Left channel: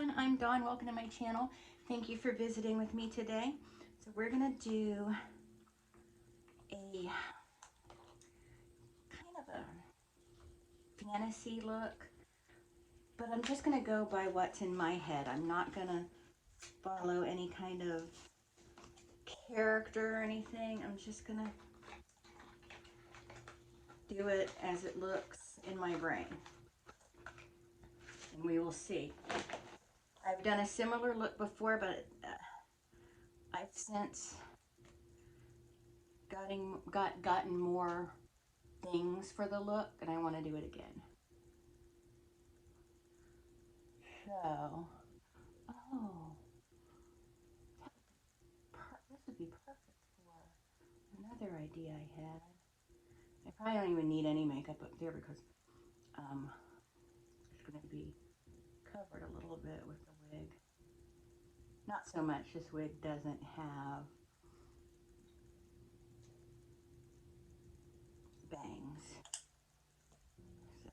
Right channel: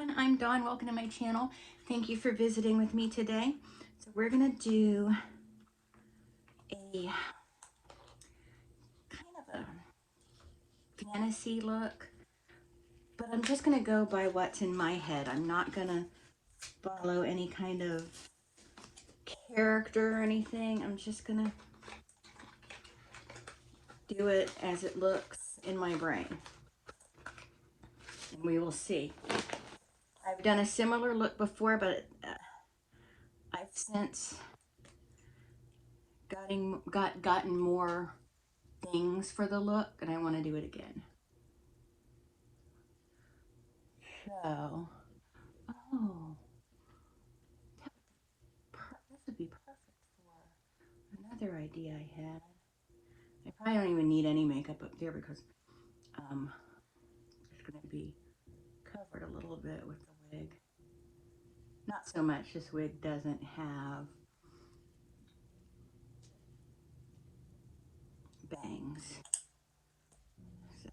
everyone, I'm Dawn. Welcome to my channel. Thank you for visiting with me today. So we're gonna do a kind of a fantasy look, but I'm just gonna go by what's in my head. I'm not gonna follow any kind of character or anything. I'm just gonna do it as it looks in my brain, and we will see. I've done a similar look before, but I've since gotten more things for the look, and I want to do it again. So, oh, this would be perfect for another idea I had. I probably don't even need any makeup up there because it's going to be covered a little bit with the wig. Not so much. This wig doesn't have bangs. So,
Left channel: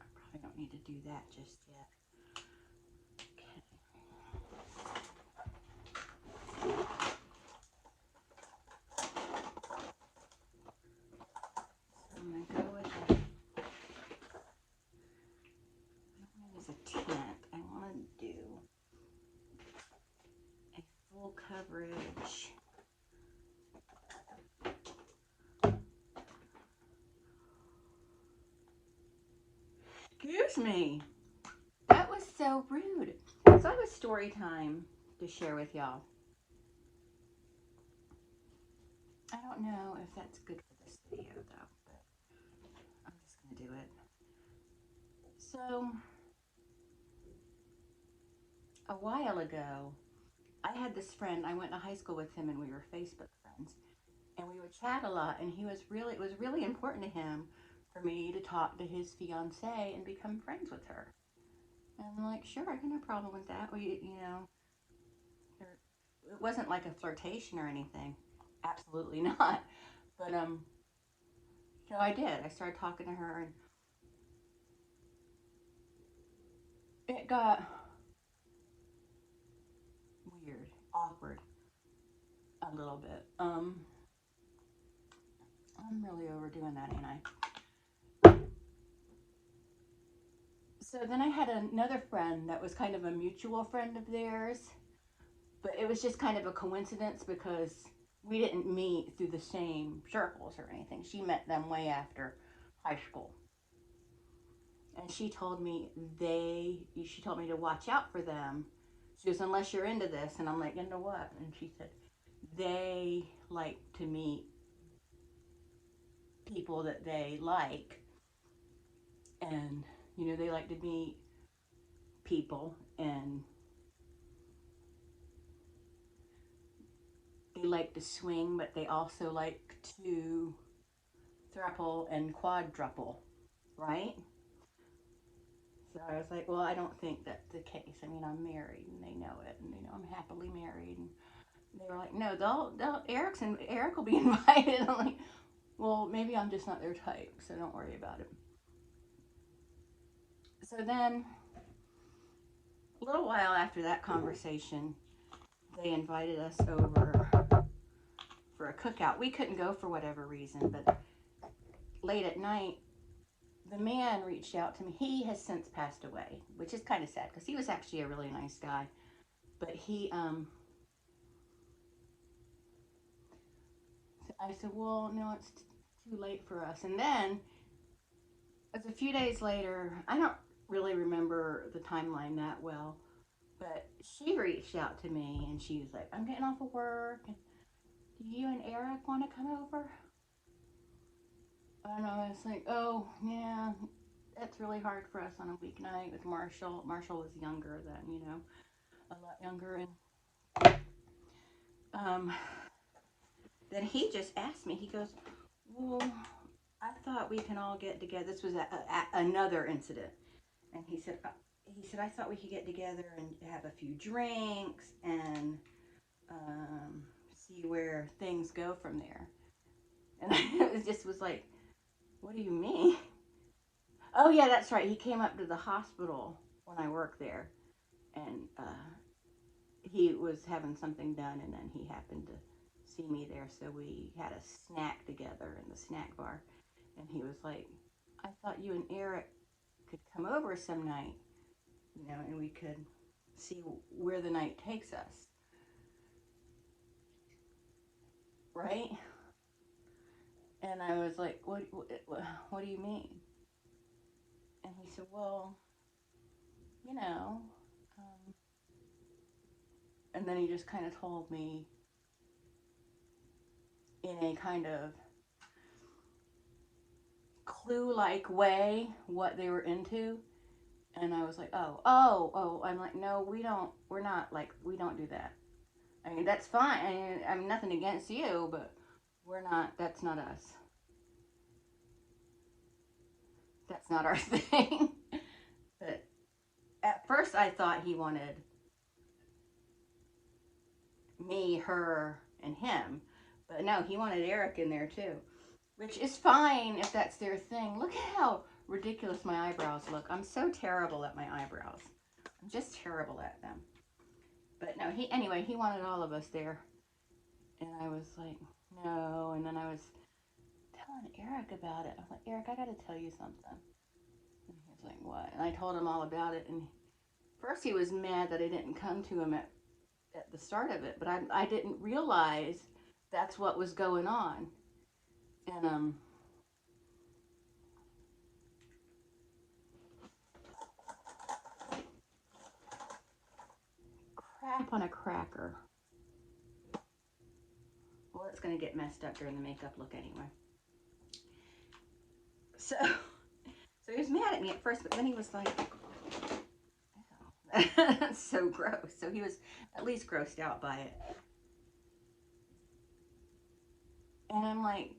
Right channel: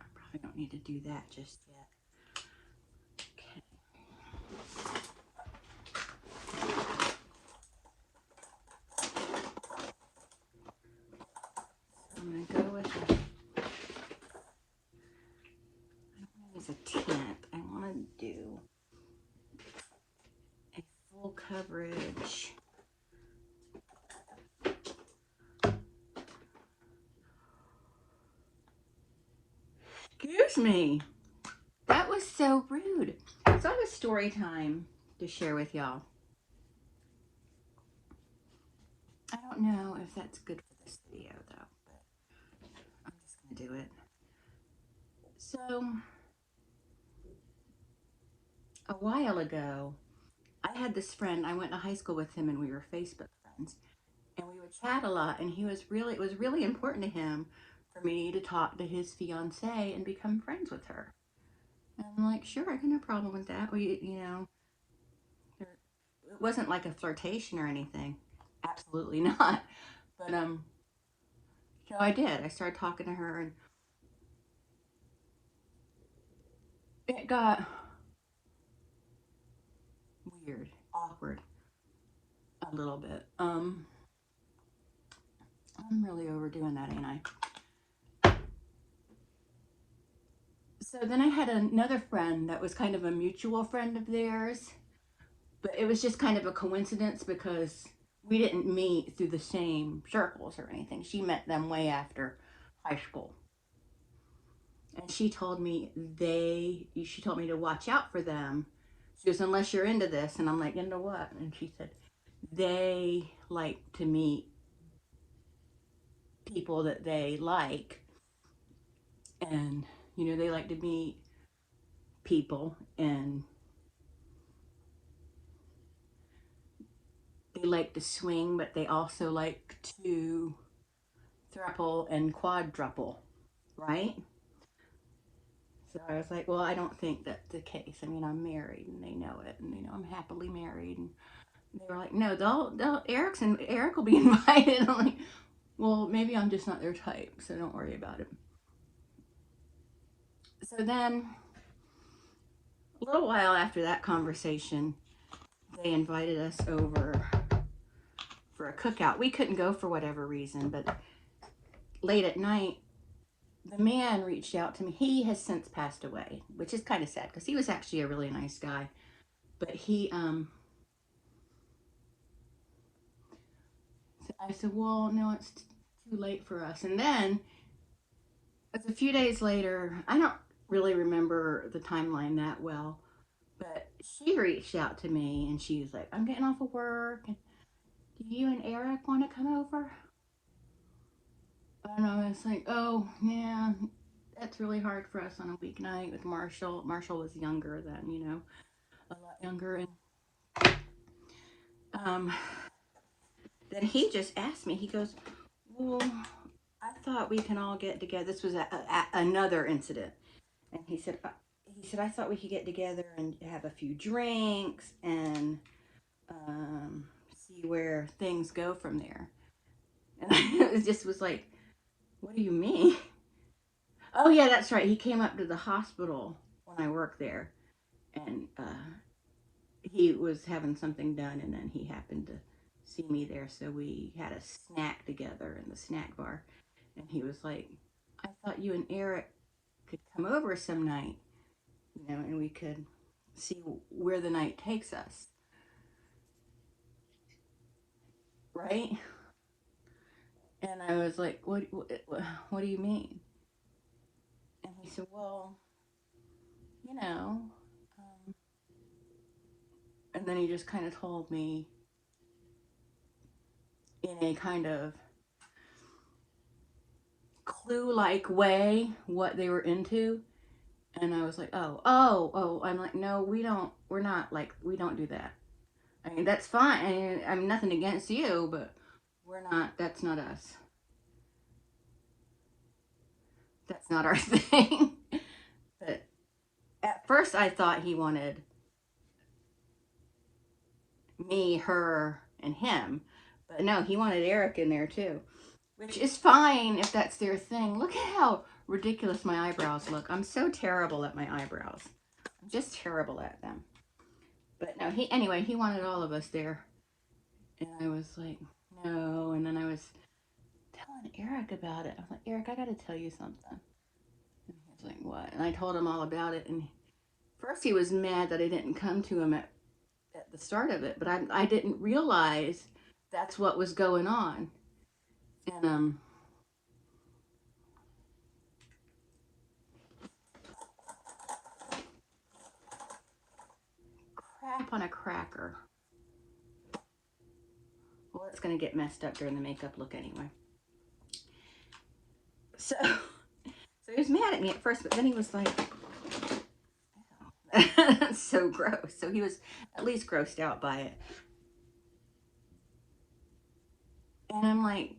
I probably don't need to do that just yet. I'm going to go with a, I don't want to use a tint. I want to do a full coverage. Excuse me. That was so rude. So I have a story time to share with y'all. I don't know if that's good for this video though, but I'm just going to do it. So, a while ago, I had this friend. I went to high school with him and we were Facebook friends. And we would chat a lot, and it was really important to him for me to talk to his fiance and become friends with her. And I'm like, sure, I got no problem with that. You know, it wasn't like a flirtation or anything. Absolutely not. But so I did. I started talking to her, and it got weird, awkward a little bit. I'm really overdoing that, ain't I? So then I had another friend that was kind of a mutual friend of theirs, but it was just kind of a coincidence because we didn't meet through the same circles or anything. She met them way after high school. And she told me to watch out for them. She goes, unless you're into this. And I'm like, into what? And she said, they like to meet people that they like. And, you know, they like to meet people and they like to swing, but they also like to thruple and quadruple, right? So I was like, well, I don't think that's the case. I mean, I'm married and they know it and they know I'm happily married. And they were like, no, Eric will be invited. I'm like, well, maybe I'm just not their type, so don't worry about it. So then, a little while after that conversation, they invited us over for a cookout. We couldn't go for whatever reason, but late at night, the man reached out to me. He has since passed away, which is kind of sad because he was actually a really nice guy. But I said, well, no, it's too late for us. And then, it's a few days later, I don't really remember the timeline that well, but she reached out to me and she was like, I'm getting off of work. And do you and Eric want to come over? And I was like, oh, yeah, that's really hard for us on a weeknight with Marshall. Marshall was younger then, you know, a lot younger. And um, then he just asked me, he goes, well, I thought we can all get together. This was another incident. And he said, I thought we could get together and have a few drinks and see where things go from there. And it just was like, What do you mean? Oh, yeah, that's right. He came up to the hospital when I worked there, and he was having something done, and then he happened to see me there, so we had a snack together in the snack bar, and he was like, I thought you and Eric could come over some night, and we could see where the night takes us, right? And I was like, what do you mean? And he said, well, you know, um, and then he just kind of told me in a kind of clue like way what they were into. And I was like, oh. I'm like, no, we're not like, we don't do that. I mean, that's fine. I'm nothing against you, but that's not us. That's not our thing. But at first I thought he wanted me, her, and him. But no, he wanted Eric in there too. Which is fine if that's their thing. Look at how ridiculous my eyebrows look. I'm so terrible at my eyebrows. I'm just terrible at them. But no, he wanted all of us there. And I was like, no. And then I was telling Eric about it. I'm like, Eric, I got to tell you something. And he was like, what? And I told him all about it. And first he was mad that I didn't come to him at the start of it. But I didn't realize that's what was going on. And crap on a cracker. Well, it's going to get messed up during the makeup look anyway. So, so he was mad at me at first, but then he was like, so gross. So he was at least grossed out by it. And I'm like,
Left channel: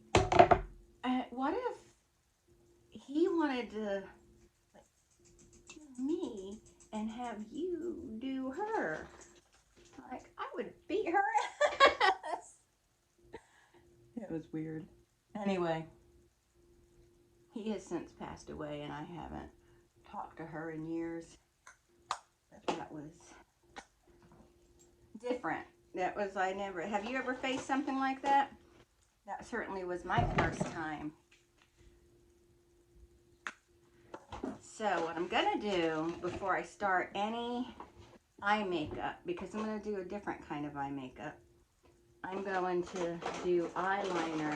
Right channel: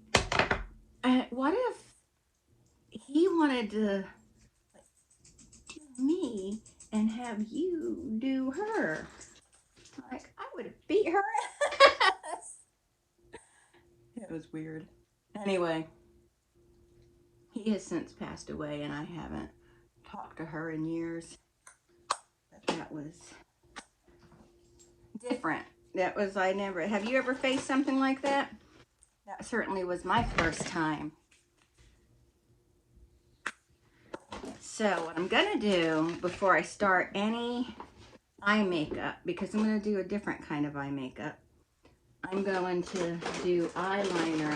what if he wanted to do me and have you do her? Like, I would beat her ass. It was weird. Anyway, he has since passed away, and I haven't talked to her in years. But that was different. That was, I never, have you ever faced something like that? That certainly was my first time. So what I'm gonna do before I start any eye makeup, because I'm gonna do a different kind of eye makeup, I'm going to do eyeliner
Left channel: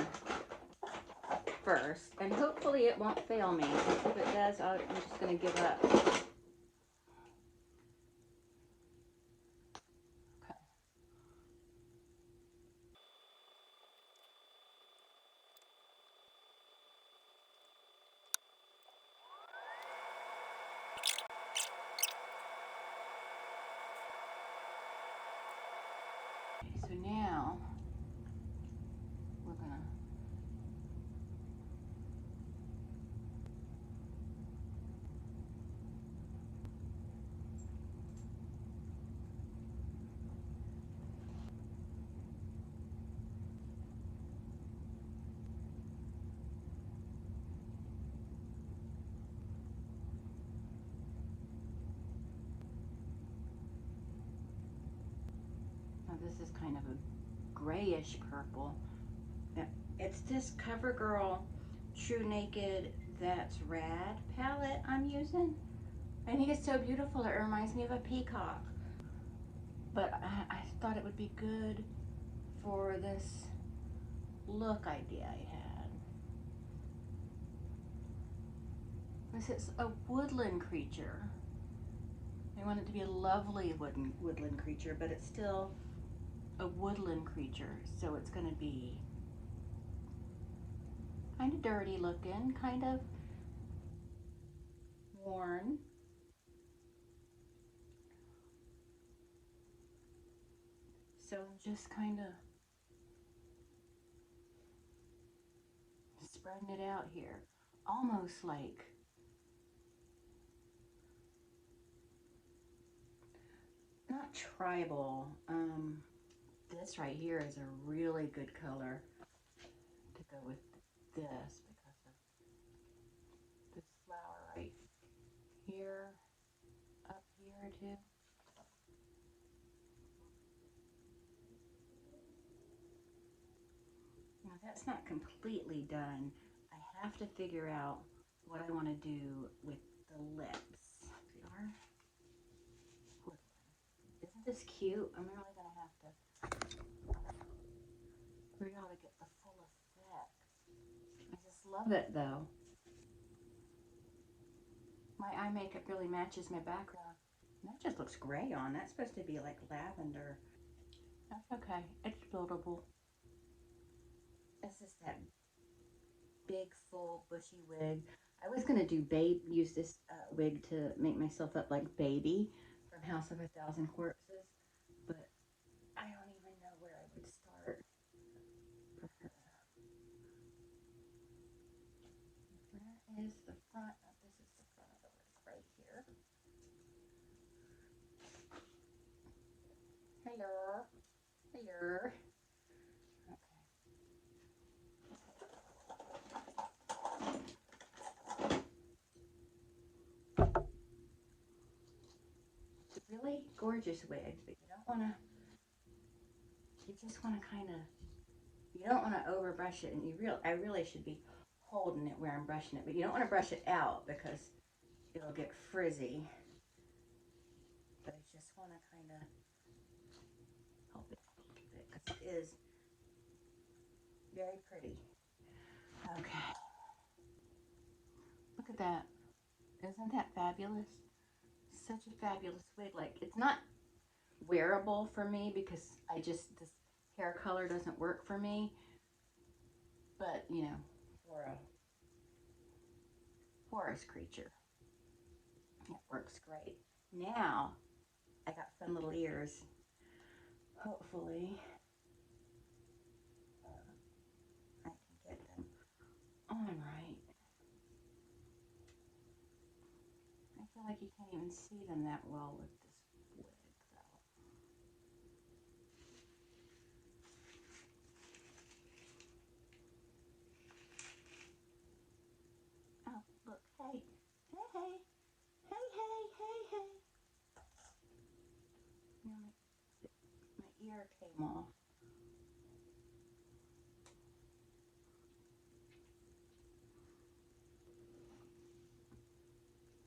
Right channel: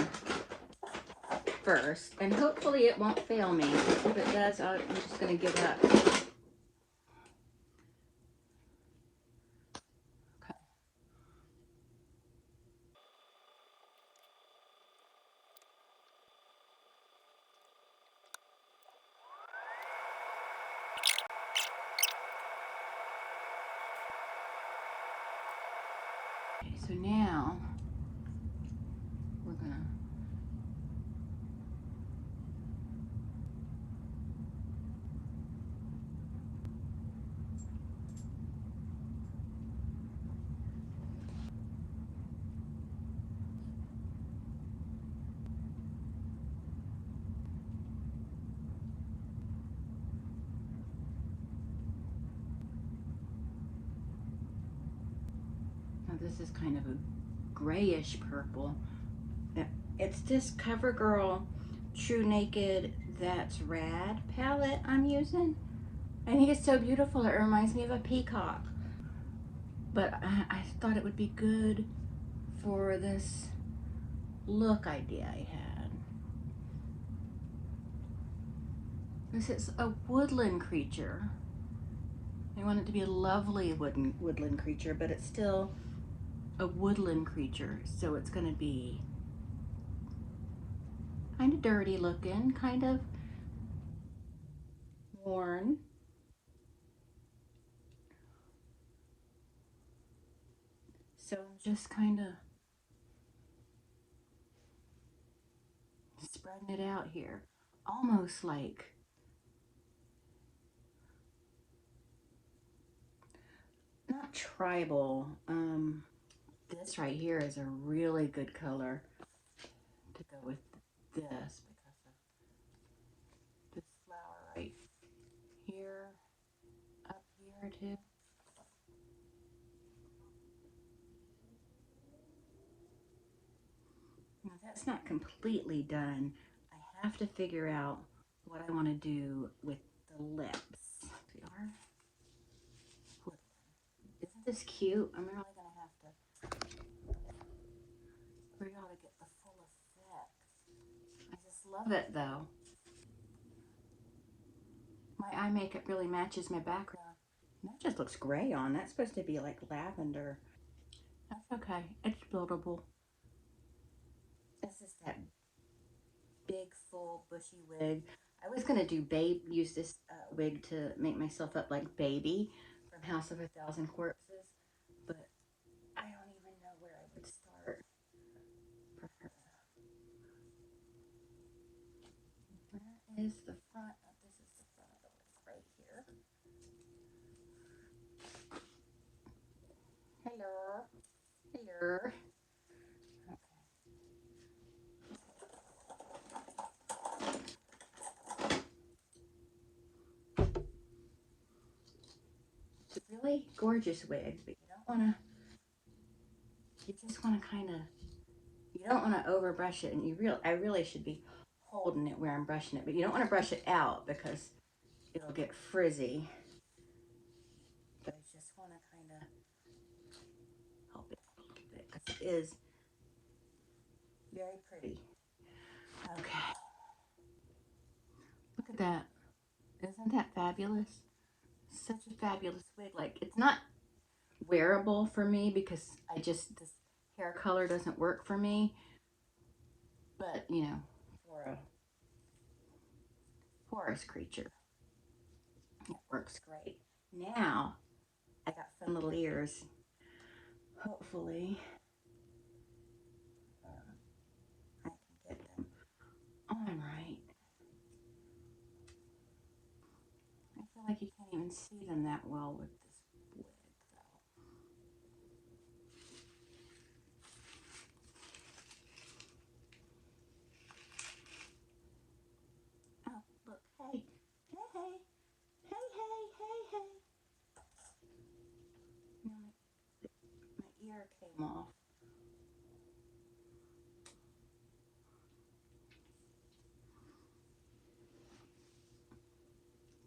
first, and hopefully it won't fail me. If it does, I'm just gonna give up. Okay, so now we're gonna, now this is kind of a grayish purple. It's this CoverGirl True Naked That's Rad palette I'm using. I think it's so beautiful. It reminds me of a peacock. But I thought it would be good for this look idea I had. This is a woodland creature. I want it to be a lovely woodland creature, but it's still a woodland creature, so it's going to be kind of dirty looking, kind of worn. So I'm just kind of spreading it out here, almost like, not tribal. This right here is a really good color to go with this, because that's not completely done. I have to figure out what I want to do with the lips. They are. Isn't this cute? I'm really gonna have to figure out how to get the full effect. I just love it though. My eye makeup really matches my background. That just looks gray on. That's supposed to be like lavender. That's okay. It's buildable. This is that big, full, bushy wig. I was gonna do use this wig to make myself up like Baby from House of a Thousand Corpses, but I don't even know where I would start for her. Where is the front? Oh, this is the front of the lips right here. Hello, hello. It's a really gorgeous wig, but you don't want to. You just want to kind of. You don't want to overbrush it, and I really should be holding it where I'm brushing it, but you don't want to brush it out because it'll get frizzy. But I just want to kind of help it a little bit because it is very pretty. Okay, look at that. Isn't that fabulous? Such a fabulous wig. Like, it's not wearable for me because this hair color doesn't work for me. But, for a forest creature, it works great. Now, I got fun little ears. Hopefully, I can get them on right. I feel like you can't even see them that well with this wig, though. Oh, look, hey, hey, hey, hey, hey, hey, hey. My ear came off.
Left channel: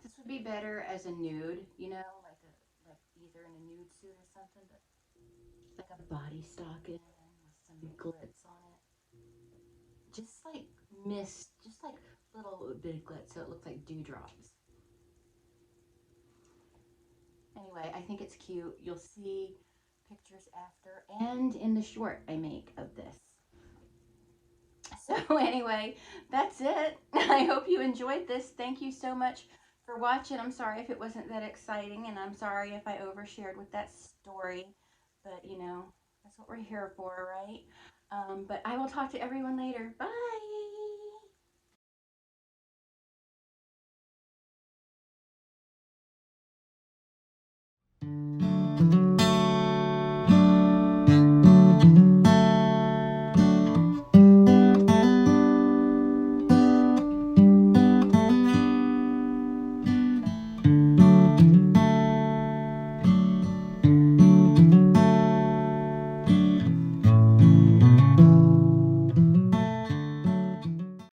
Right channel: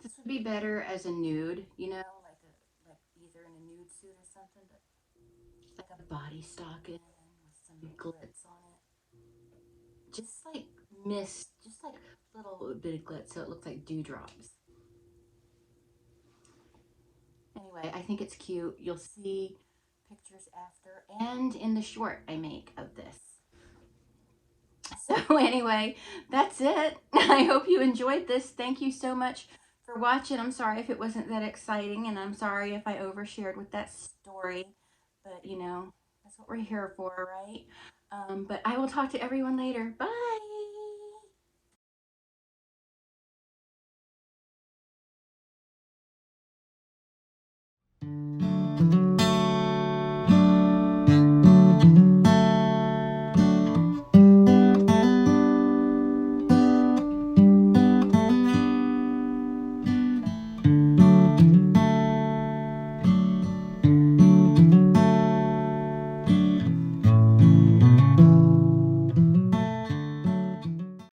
This would be better as a nude, like either in a nude suit or something, but like a body stocking with some glitz on it. Just like just like little bit of glitz so it looks like dewdrops. Anyway, I think it's cute. You'll see pictures after and in the short I make of this. So anyway, that's it. I hope you enjoyed this. Thank you so much for watching. I'm sorry if it wasn't that exciting, and I'm sorry if I overshared with that story, but that's what we're here for, right? But I will talk to everyone later. Bye.